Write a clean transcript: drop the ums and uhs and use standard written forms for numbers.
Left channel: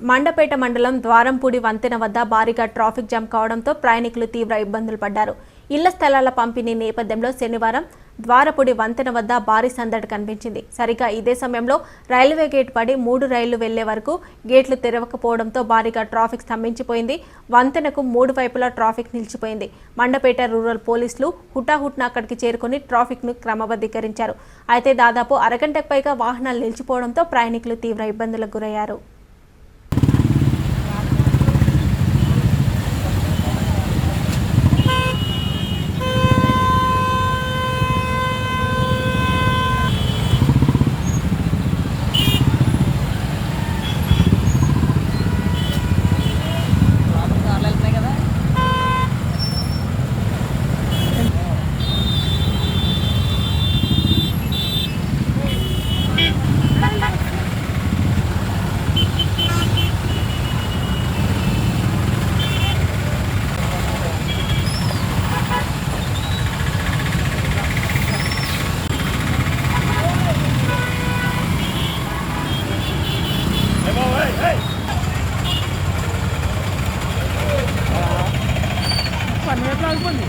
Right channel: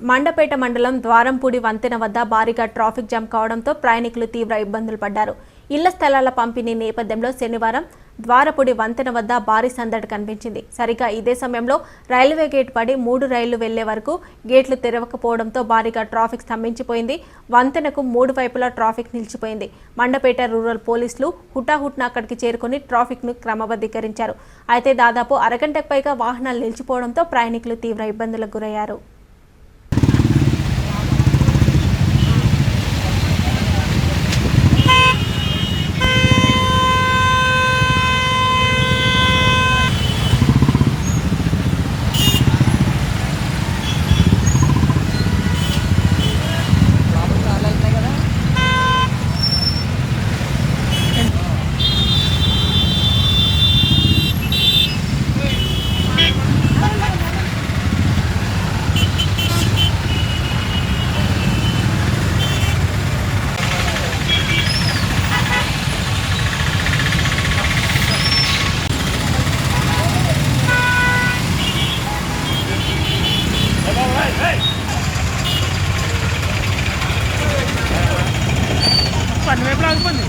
మండపేట మండలం ద్వారంపూడి వంతెన వద్ద భారీగా ట్రాఫిక్ జామ్ కావడంతో ప్రయాణికులు తీవ్ర ఇబ్బందులు పడ్డారు. ఇళ్ల స్థలాల పంపిణీ నేపథ్యంలో శనివారం ద్వారపూడి వంతెన వద్ద భారీ సందడి కనిపించింది. సరిగా ఇదే సమయంలో రైల్వే గేట్ పడి 3 రైళ్లు వెళ్లే వరకు గేట్లు తెరవకపోవడంతో భారీగా ట్రాఫిక్ స్తంభించిపోయింది. వంతెనకు 3 వైపులా ట్రాఫిక్ నిలిచిపోయింది. మండపేట రూరల్ పోలీసులు హుటాహుటిన అక్కడికి చేరుకుని ట్రాఫిక్ను క్రమబద్ధీకరించారు. అయితే దాదాపు అరగంటకు పైగా వాహనాలు నిలిచిపోవడంతో ప్రయాణికులు తీవ్ర ఇబ్బందులకు గురయ్యారు. పని వైపు ఆగిపోయింది.